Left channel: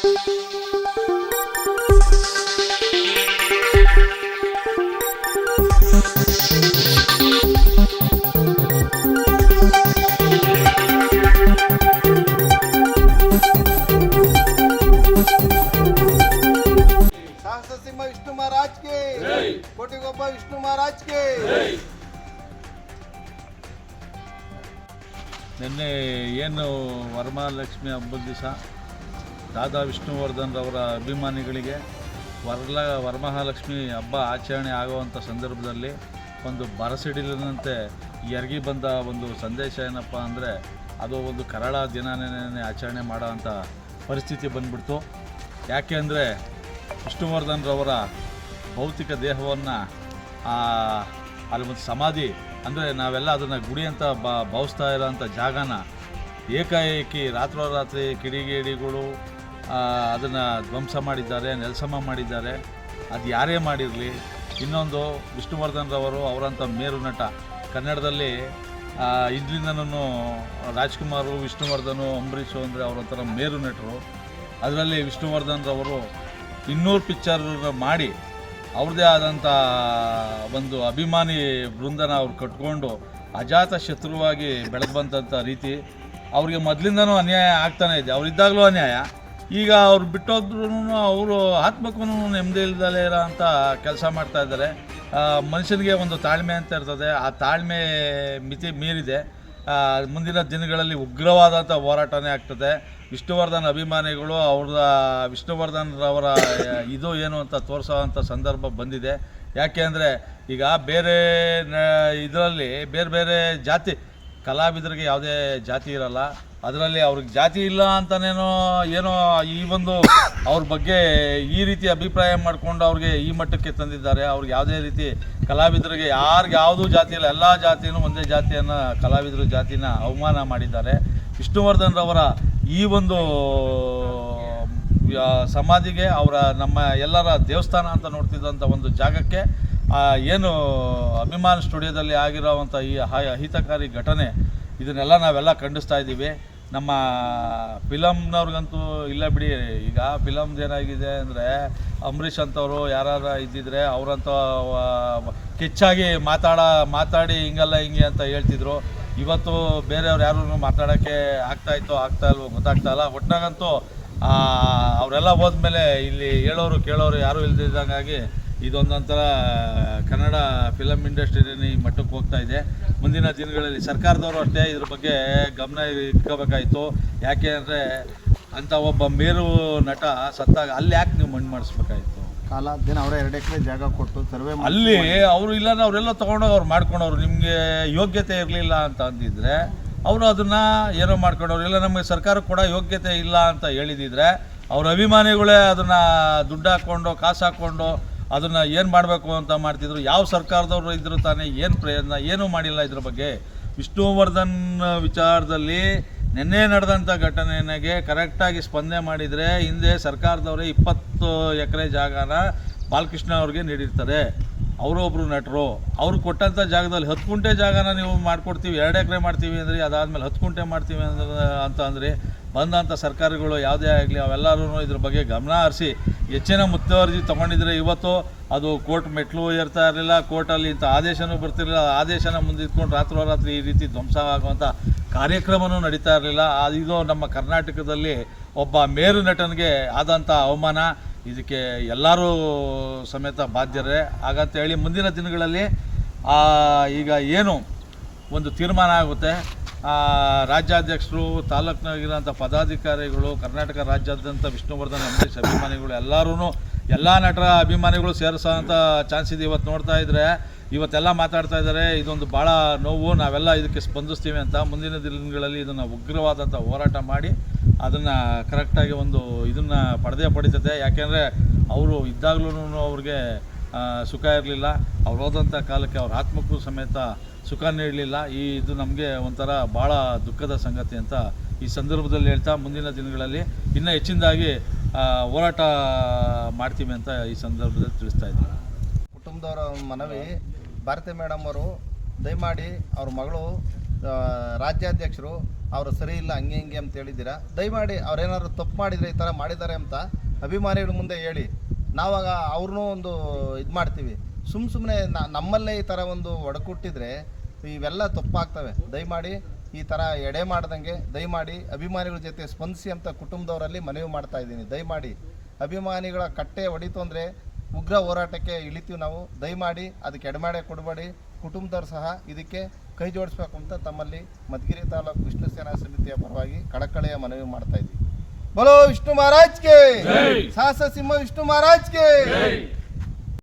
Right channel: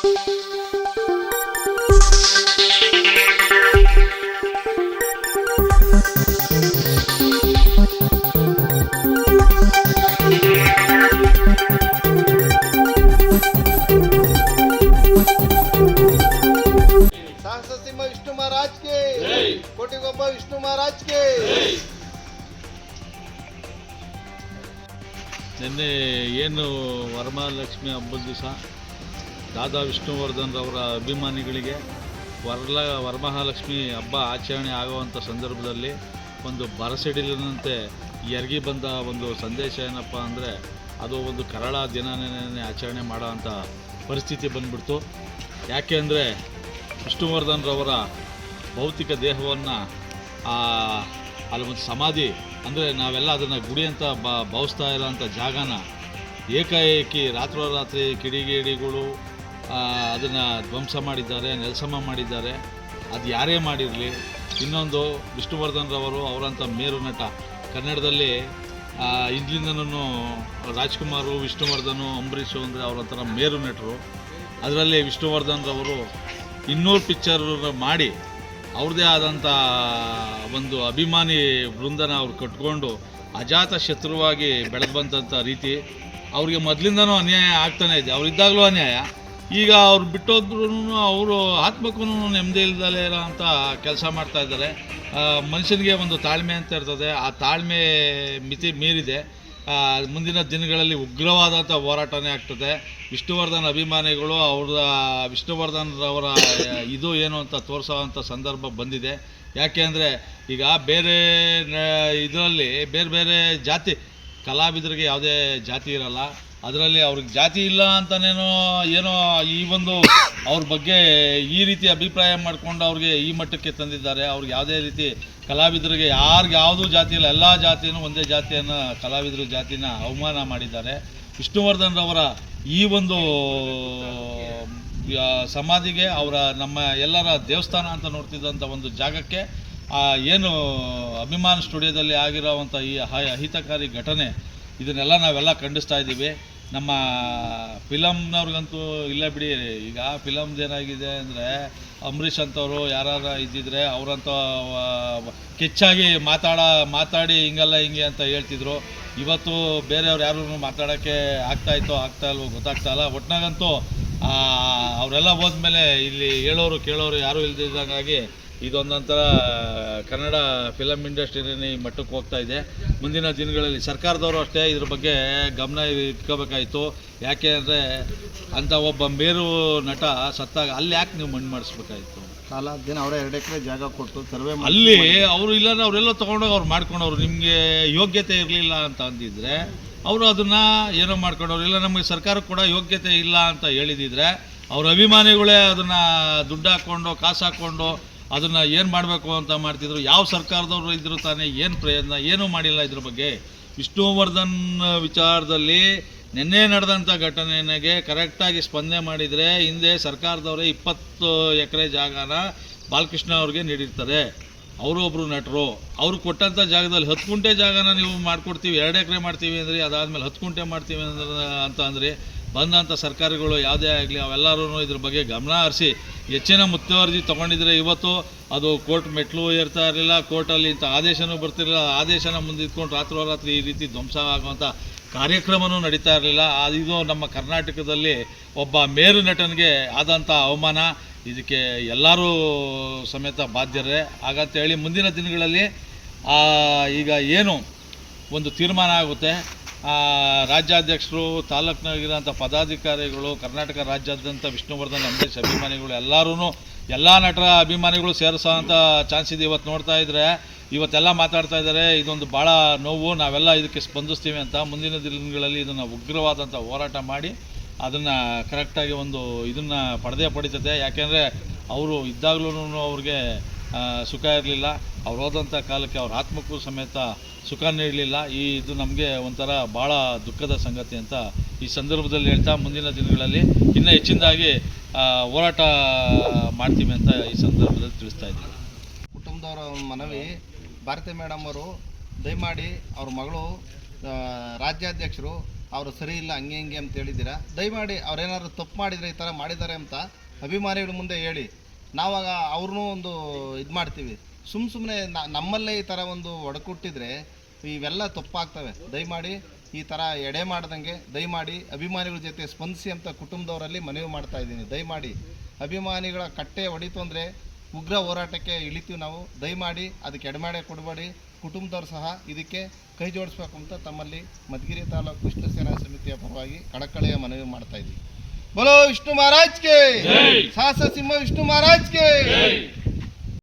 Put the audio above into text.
सिंह विष्णु महाराज के कोटि गोपा विष्णु महाराज के ನಿನ್ನೆ ಏನು ವರಮಹಾಲಕ್ಷ್ಮಿ ಹಬ್ಬದ ದಿವಸ ದಾದಾ ವಿಷ್ಣುವರ್ಧನ್ ಅವರ ಅಭಿಮಾನಿಗಳಿಗೆ ವರಮಹಾಲಕ್ಷ್ಮಿ ಹಬ್ಬ ಆಚರಣೆ ಆಗುವಂಥ ಸಂದರ್ಭದಲ್ಲಿ ಒಂದು ಬರಸಿಡಿಲಿನಂತೆ ಎರಗಿ ಬಂದ ಒಂದು ಸಂದೇಶ ಏನಪ್ಪ ಅಂದರೆ ಅದು ಒಂದು ಕರಾಳ ದಿನನೇ ಆಚರಣೆ ಮಾಡೋವಂಥ ಪರಿಸ್ಥಿತಿ ಬಂದ್ಬಿಡ್ತು. ಯಾಕೆ ಅಂದರೆ ವಿಷ್ಣುವರ್ಧನ್ ರವರ ಭೌತಿಕ ದೇಹವನ್ನು ಅಲ್ಲಿ ಒಂದು ಸಮಾಧಿ ಅಂದರೆ ನಾವೆಲ್ಲ ಅದನ್ನು ಗುಡಿ ಅಂತ ಭಾವಿಸ್ತಾ ಇರೋಂಥ ಜಾಗನ ಏಕಾಏಕಿ ರಾತ್ರೋರಾತ್ರಿ ಕಿಡಿಗೇಡಿಗಳು ಅದನ್ನು ಧ್ವಂಸ ಮಾಡಿದ್ದಾರೆ, ನೆಲಸಮ ಮಾಡಿದ್ದಾರೆ. ಅದು ಯಾರೇ ಮಾಡಿರಲಿ, ಇನ್ನೊಂದು ವಿಷ್ಣುವರ್ಧನ್ ರವರು ಅವರಂಥ ಮೇರು ನಟ ಕನ್ನಡದಲ್ಲಿ ಇಂದಿನಿಂದನೂ ರಾಜ್ಕುಮಾರು, ವಿಷ್ಣುವರ್ಧನು, ಅಂಬರೀಷು ಅಂದರೆ ಅವರಂಥ ಮೇರು ನಟರು. ಅದರಲ್ಲಿ ವಿಷ್ಣುವರ್ಧನ್ ರವರು 200 ಪಿಕ್ಚರ್ ಮಾಡಿ ಅವ್ರದ್ದೇ ಆದಂಥ ಒಂದು ಅಭಿಮಾನಿ ವೃಂದನ ಅವ್ರು ಕಟ್ಕೊಂಡು ಅಜಾತ ಶತ್ರುವಾಗಿ ಬೆಳೆದು ಬಂದಂಥ ರೀತಿ ಅವ್ರಿಗೆ ಮೊದಲಿಂದನೂ ಅನ್ಯಾಯ ಆಗ್ತಾನೆ ಇದೆ. ಅವರಿದ್ದಾಗಲೂ ಅನ್ಯಾಯ, ಈಗ ಅವ್ರು ಬಿಟ್ಟೋದ್ರೂ ಅವರು ಆತ್ಮಕ್ಕೂ ನೆಮ್ಮದಿ ಇಲ್ದಲೇ ಇರೋ ಅಂಥ ಕೆಲಸ ಮಾಡ್ತಾಯಿದ್ದಾರೆ. ಮನುಷ್ಯನಿಗೆ ಒಂದು ತಾಳ್ಮೆ ಅಂತ ಇರ್ತದೆ, ಆ ತಾಳ್ಮೆ ಮಿತಿ ಮೀರಿದೆ. ಮುಂದಿನ ದಿನಗಳಲ್ಲಿ ಉಗ್ರವಾದಂಥ ಹೋರಾಟನೇ ಆಗ್ತದೆ. ವಿಷ್ಣುವರ್ಧನ್ ಅಭಿಮಾನಿಗಳು ವಿಷ್ಣುವರ್ಧನ್ ರವರ ಇದು ಏನು ಅಂತ ತೋರಿಸೋವಂಥ ಸಂದರ್ಭ ಬಂದಿದೆ. ಯಾಕೆ ಅಂದರೆ ಈಗ ಬೇರೆ ಇದರಲ್ಲಿ ಬೇರೆ ಬೇರೆ ಜಾತಿ ಕಲಾವಿದರಿಗೆ ಯಾವುದೇ ಜಾತಿ ಇರಲ್ಲ, ಅದರಲ್ಲಿ ಅವ್ರಿಗೆ ಜಾತಿ ಇಲ್ಲ ಅಂತನೇನೋ ಏನೋ ಈ ಒಂದು ಅವ್ರ ಬಗ್ಗೆ ಈ ರೀತಿ ಅಭಿಪ್ರಾಯ ಮಾಡಿಕೊಂಡು ಅವ್ರಿಗೆ ಈ ಮಟ್ಟಕ್ಕೆ ತಂದಿದ್ದಾರೆ. ಅವ್ರಿಗೆ ಯಾವುದೇ ರೀತಿ ಕಲಾವಿದರಿಗೆ ಯಾರಿಗೆ ಯಾವುದೂ ಜಾತಿ ಇಲ್ಲ, ಎಲ್ಲ ಜಾತಿಯೂ ಒಂದೇ ಜಾತಿಯನ್ನು ಕಲಾವಿದರು ಜಾತಿನ ಅವಮಾನ ಮಾಡಿದ್ದಾರೆ. ವಿಷ್ಣುವರ್ಧನ್ ರವರ ಈ ಒಂದು ಸಮಾಧಿಗೆ ಅವರ ನಮ್ಮ ಎಲ್ಲರ ದೇವಸ್ಥಾನ ಅಂತ ನೋಡ್ತಿದ್ದಂಥ ಒಂದು ಜಾಗಕ್ಕೆ ಏನು ಅಭಿಮಾನ ಸ್ಟುಡಿಯೋದಲ್ಲಿ ಆಗಿರೋವಂಥ ಈ ಅಹಿತಕಾರಿ ಘಟನೆ ಇದನ್ನೆಲ್ಲ ನಾವೆಲ್ಲ ಖಂಡಿಸ್ತಾ ಇದ್ದೀವಿ. ನಮ್ಮ ಫಿಲಮ್ನವ್ರಿಗಂತೂ ಇಲ್ಲ ಬಿಡಿ. ಈಗ ಫಿಲಮ್ದು ಏನಾಗಿದೆ ಅಂದರೆ ಅಂಬರೀಷ್ ಅಂತವರು ಯಾರು ಇದ್ದಿದ್ರೆ ಅವರಂತ ಕಿಚ್ಚಾಗಿ ಮಾತಾಡಿ ಹಿಂಗಲ್ಲ ಹಿಂಗೆ ಅಂತ ಹೇಳ್ತಿದ್ರು. ಇವತ್ತು ಬೇರೆಯವ್ರು ಯಾರೂ ಮಾತಾಡೋಕ್ಕೆ ಆಗ್ತಾ ಇಲ್ವೋ ಗೊತ್ತಾಗ್ತಾಯಿಲ್ಲ. ಒಟ್ನಾಗಂತೂ ಅವರೆಲ್ಲ ಹೋದ್ಮೇಲೆ ಇಲ್ಲಿ ಹೇಳೋರು ಕೇಳೋರು ಯಾರೂ ಇಲ್ದಿದ್ದಂಗಾಗಿ ಇದೊಂದೊಂಥರ ಕನ್ನಡ ಫಿಲಮ್ ಇಂಡಸ್ಟ್ರಿನೇ ಈ ಮಟ್ಟಕ್ಕೆ ಹೋಗ್ತಾ ಇದೆ. ಮುಂದಿನ ದಿನಗಳಲ್ಲಿ ಸರ್ಕಾರದವರು ಅಷ್ಟೇ ಇದ್ರ ಬಗ್ಗೆ ಗಮನ ಇಟ್ಕೋಬೇಕಾಯಿತು. ಯಾಕೆ ಅಂದರೆ ಅಂಥ ಒಬ್ಬ ಮೇರು ನಟ ಸತ್ತಾಗ ಅಲ್ಲಿ ಯಾಕೆ ನೀವು ಮಣ್ಣು ಮಾಡಿಸ್ಬೇಕಾಯಿತು? ಕಾಲ ದಿನ ಅವರೇ 2 ಎಕರೆ ಜಾಗ ಕೊಟ್ಟು ಸರ್ವೆ ಅಲ್ಲಿ ಅವರು ಇಲ್ಲ ಅವರೆಲ್ಲ ತೊಗೊಂಡೋಗಿ ಅವ್ರು ಮಾಡ್ಕೊಂಡವ್ರು. ನಿಮಗೆ ಯೋಗ್ಯತೆ ಇರಲಿಲ್ಲ ಅಂತ ಅಂದಿದ್ರೆ ಅವರು ಅದನ್ನು ಏನೋ ಮಾಡ್ಕೊಂಡವ್ರು. ಇಲ್ಲ ನಮಗೆ ಸರ್ಕಾರ ಕೂಡ ಯೋಗ್ಯತೆ ಇಲ್ಲ ಅಂತ ಹೇಳಿದಿದ್ರೆ ಅವ್ರ ಅಭಿಮಾನಿಗಳೇ ಅದನ್ನು ದುಡ್ಡು ಹಾಕ್ಕೊಂಡು ಕಾಸು ಹಾಕ್ಕೊಂಡು ಅದನ್ನು ಏನು ಮಾಡಬೇಕು ಅಂತ ಮಾಡ್ತಿದ್ರು. ಯಾವ ಸರ್ಕಾರದವರು ಇದ್ರು ತಾನೇ, ಏನು ಪ್ರಯತ್ನ ಏನೂ ಮಾಡಿಲ್ಲ ಇದ್ರ ಬಗ್ಗೆ. ವಿಷ್ಣುವರ್ಧನ್ ವಿಚಾರದಲ್ಲಿ ನಿನ್ನೆ ನಡೆದಂಥ ಘಟನೆಗೆ ಕರೆಕ್ಟಾಗಿ ಸ್ಪಂದನೆ ಮಾಡಿದರೆ ಹಿಂದೆ ಸರ್ಕಾರದವರೇ 20 ಎಕರೆ ಜಾಗನ ಬಾಲಕೃಷ್ಣ ಅವ್ರಿಗೆ ನೀಡಿರ್ತಾರೆ. ಅವರೊಬ್ಬರು ನಟರು, ಅವರು ಕೊಟ್ಟಂಥ ಜಾಗದಲ್ಲಿ 10 ಗುಂಟೆ ಜಾಗನ ನೀವು ಮಾಡಿಕೊಡ್ತೀವಿ, 2 ಎಕರೆ ಮಾಡ್ತೀವಿ ಅಂದರೆ ಅದಾದಮೇಲೆ 10 ಗುಂಟೆ ಮಾಡ್ತೀವಿ ಅಂತ ಅಂದರೆ ಬಂದಂಥ ಸರ್ಕಾರಗಳು ಯಾವುದೇ ಆಗಲಿ ಅವೆಲ್ಲರೂ ಇದ್ರ ಬಗ್ಗೆ ಗಮನ ಹರಿಸಿ ಹೆಚ್ಚಿನ ಮುತುವರ್ಜಿ ತೊಗೊಂಡಿದ್ರೆ ಇವತ್ತು ಅದು ಕೋರ್ಟ್ ಮೆಟ್ಲು ಏರ್ತಾ ಇರಲಿಲ್ಲ, ಕೋರ್ಟಲ್ಲಿ ಇಂಥ ಆದೇಶನೂ ಬರ್ತಿರಲಿಲ್ಲ. ಆದೇಶನ ಮುಂದಿಟ್ಕೊಂಡು ರಾತ್ರೋರಾತ್ರಿ ಈ ರೀತಿ ಧ್ವಂಸ ಆಗುವಂಥ ಕಾರ್ಯಕ್ರಮವೂ ನಡೀತಾ ಇರಲಿಲ್ಲ. ಇದು ನಮ್ಮ ಕರ್ನಾಟಕದಲ್ಲಿ ಒಬ್ಬ ಮೇರು ನಟನಿಗೆ ಆದಂಥ ಅವಮಾನ. ಇದಕ್ಕೆ ಎಲ್ಲರೂ ಸಮೇತ ಬಾಧ್ಯರೇ. ಹಾಗಂತೇಳಿ ಮುಂದಿನ ದಿನಗಳಲ್ಲಿ ಈಗ ಏನು ಒಂದು ತೀರ್ಮಾನ ಆಗುತ್ತೆ, ರಾಜ್ಯಾಧ್ಯಕ್ಷರು, ತಾಲೂಕಿನಾಗಿರೋಂಥ ಪದಾಧಿಕಾರಿಗಳು, ಕರ್ನಾಟಕ ರಾಜ್ಯಾದ್ಯಂತ ವಿಷ್ಣುವರ್ಧನ್ ಅಂಬರೀಷ್ ಅಭಿಮಾನಿಗಳು ಎಲ್ಲ ನಟರ ಅಭಿಮಾನಿಗಳು ಸೇರಿಸೋಂಥ ಚಾನ್ಸ್ ಇದೆ. ಇವತ್ತು ನೋಡ್ತಾ ಇದ್ದರೆ ಇವತ್ತೆಲ್ಲ ಮಾತಾಡ್ತಾ ಇದ್ದಾರೆ. ಇದೊಂದು ಭಾಳ ನೋವು, ನಾವೆಲ್ಲ ಇದಕ್ಕೆ ಸ್ಪಂದಿಸ್ತೀವಿ ಅಂತ. ಮುಂದಿನ ದಿನಗಳಲ್ಲಿ ಇದನ್ನು ಉಗ್ರವಾದಂಥ ಹೋರಾಟ ಮಾಡಿ ಅದನ್ನು ಕರೆಕ್ಟಾಗಿ ಒಂದು ಇದನ್ನು ಪಡಿತದೆ. ಯಾಕೆಂದರೆ ಅವರು ಇದ್ದಾಗಲೂ ಅವ್ರಿಗೆ ಸುಖ ಇರಲಿಲ್ಲ, ಅವ್ರು ಹೋದಂಥ ಕಾಲಕ್ಕೆ ಅವ್ರ ಆತ್ಮಕ್ಕೂ ಸಮೇತ ಸುಖ ನೀಡಲಿಲ್ಲ. ಇದು ನಮಗೆ ಒಂಥರ ಭಾಳ ದುಃಖದ ಸಂಗತಿ ಅಂತ ಈ ಸಂದರ್ಭದಲ್ಲಿ ಹೇಳ್ತಾ ಮುಂದಿನ ದಿನಗಳಲ್ಲಿ ಇನ್ನೂ ಹೆಚ್ಚಿನದಾಗಿ ಹೋರಾಟ ಮಾಡ್ತೀವಿ ಅಂತ ಈ ಸಂದರ್ಭದಲ್ಲಿ ತಿಳಿಸ್ತಾ ಇದ್ದೀವಿ. ಕುಟುಂಬದವರ ಮನವಿ, ಭಾರತಿ ಮೇಡಮ್ ಅವರು ದಯಮಾಡಿ ಅವ್ರ ಮಗಳು ರಾಜ್ಯಾಧ್ಯಕ್ಷರು ಅವರು ಸರಿ ಇಲ್ಲ ಹಂಗೆ ಹಿಂಗೆ ಅಂತ ಹೇಳಿದ್ದೀರಾ. ದಯಮಾಡಿ ಅವ್ರೇನಾದ್ರು ತಪ್ಪು ಮಾಡಿದರೆ ಈ ಥರ ಮಾಡಿದ್ದಾರೆ ಅಂತ ಅಭಿಮಾನಿಗಳ ಮುಂದೆ ಹೇಳಿ, ನಾವಾಗ ಅವ್ರನ್ನೂ ಒಂದು ಇದು ಮಾಡ್ತೀವಿ. ಸುಮ್ಮನೆ ನಮ್ಮಲ್ಲೇ ಈ ಥರ ಒಂದು ಒಡಕುಟ್ಟಿದ್ರೆ ಇವೆಲ್ಲ ತಪ್ಪಾಗ್ತವೆ. ದಯಮಾಡಿ ಈ ಥರ ಎಡೆ ಮಾಡ್ದಂಗೆ ದಯಮಾಡಿ ಅಭಿಮಾನಿಗಳ ಜೊತೆ ಸ್ಪಂದಿಸಿ ಅಂತ ಕುಟುಂಬದವರಲ್ಲಿ ಮನವಿ ಮಾಡ್ತಾ ಇದ್ದೀನಿ. ದಯಮಾಡಿ ಅಭಿಮಾನಿಗಳ ಕಟ್ಟೆ ಹೊಡಿತು ಅಂದರೆ ಉಗ್ರ ಹೋರಾಟಕ್ಕೆ ಇಳಿತೀವಿ ನಾವು. ದಯಮಾಡಿ ಅದಕ್ಕೆ ಎಡಮಾಡೆ ಕೊಡಬೇಡಿ. ಕುಟುಂಬದವ್ರು ಸಹ ಇದಕ್ಕೆ ಕೈ ಜೋಡಿಸ್ಬೇಕು ಅಂತ ತಮ್ಮಲ್ಲಿ ಮಧುಗಿರಿ ತಾಲೂಕು ವಿಷ್ಣು ಸೇನಾ ಸಮಿತಿಯ ಪರವಾಗಿ ಕಳಕಳಿಯ ಮನವಿ ಮಾಡ್ತಾ ಇದ್ದೀವಿ. बोलो विष्णु महाराज के, साहस सिंह विष्णु महाराज के।